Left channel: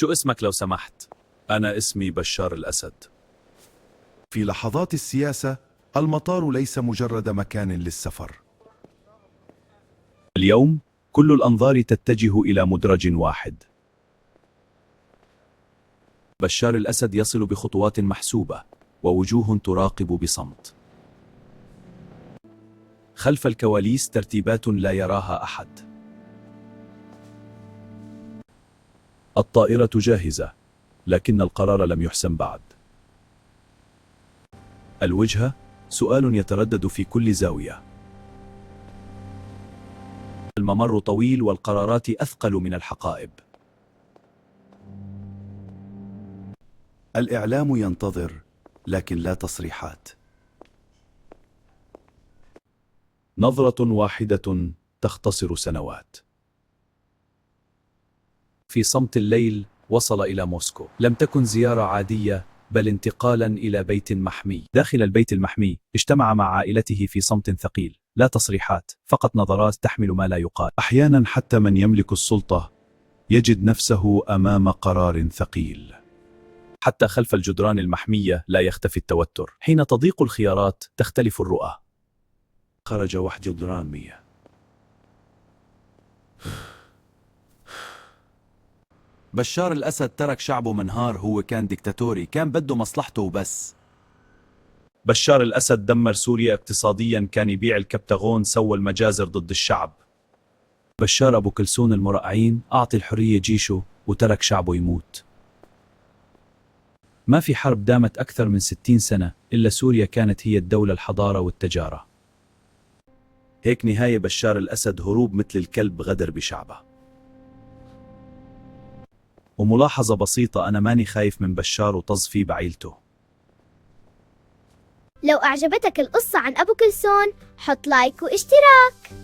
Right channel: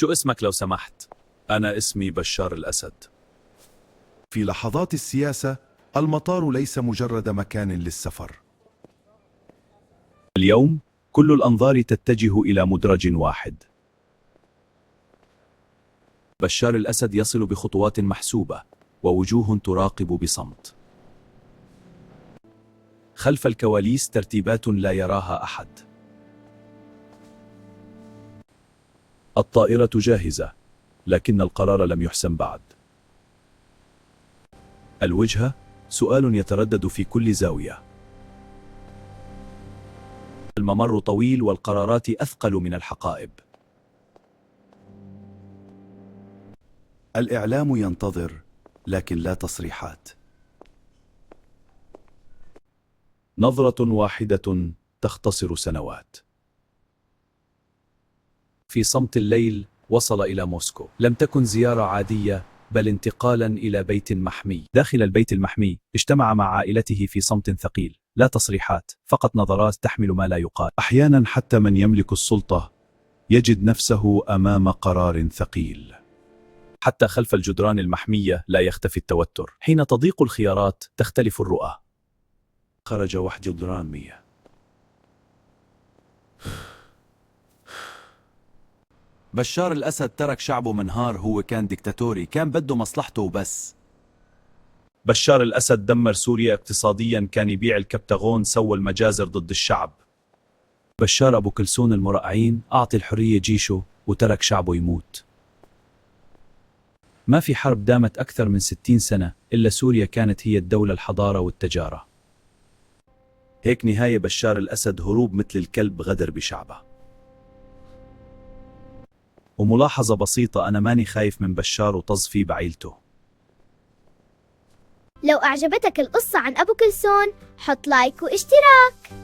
شو اسمك لو سمحت؟ أنا اسمي بشار الأسد. في لحظات السياسة المطار ليس مجرد مكان للسفر. اليوم كل الأنظار تتجه إلى مدرج واحد. بشار الأسد يصل بخطوات محسوبة ووجوه تراقب بصمت. خلف الكواليس ترتيبات لا يراها أحد. الطائرة جاهزة، لكن القرار لم يحسم بعد. الوجهة سؤال يتردد في كل زاوية. الممر طويل والقرارات أثقل من الحقائب. الإعلام ينتظر، لكن لا تصريحات. نظرة واحدة تختصر سنوات. في صمت الليل وصل إلى موسكو. لم تكن زيارة عادية، بل انتقالا إلى بيت محمي. داخل البيت المحمي اجتمع مع عائلته في صمت ثقيل. لا تصريحات، فقط نظرات تحمل ما لا يقال. أحيانا حتى من يملك السلطة يجد نفسه أمام قرار ثقيل. حتى خلف الجدران المحمية لا يختفي التوتر. حين تضيق الخيارات تختلف الرؤى. خرج وحدي الدرامية. بشار الأسد ترك شعبه منهار. هو كان ديكتاتوري، كان بده مصلحته وبس. بشار الأسد دمر سوريا اقتصاديا، كان يبيع الكبتاغون، سوى المجازر ضد الشعب. بشار أبو كلسون المرقعين أعطي الحرية جيشه وترك شعبه يموت. ما في حرب دامت أكثر من 60 سنة إلا سوريا كانت هي الدولة، الحضارة والتجارة. هيك نهاية بشار الأسد، هروب مثل الكلب، غدر بشعبه. وملاحظة بسيطة، أنا ماني خايف من بشار وطز فيه بعيلته. لو أعجبتك القصة عن أبو كلسون حط لايك واشتراك.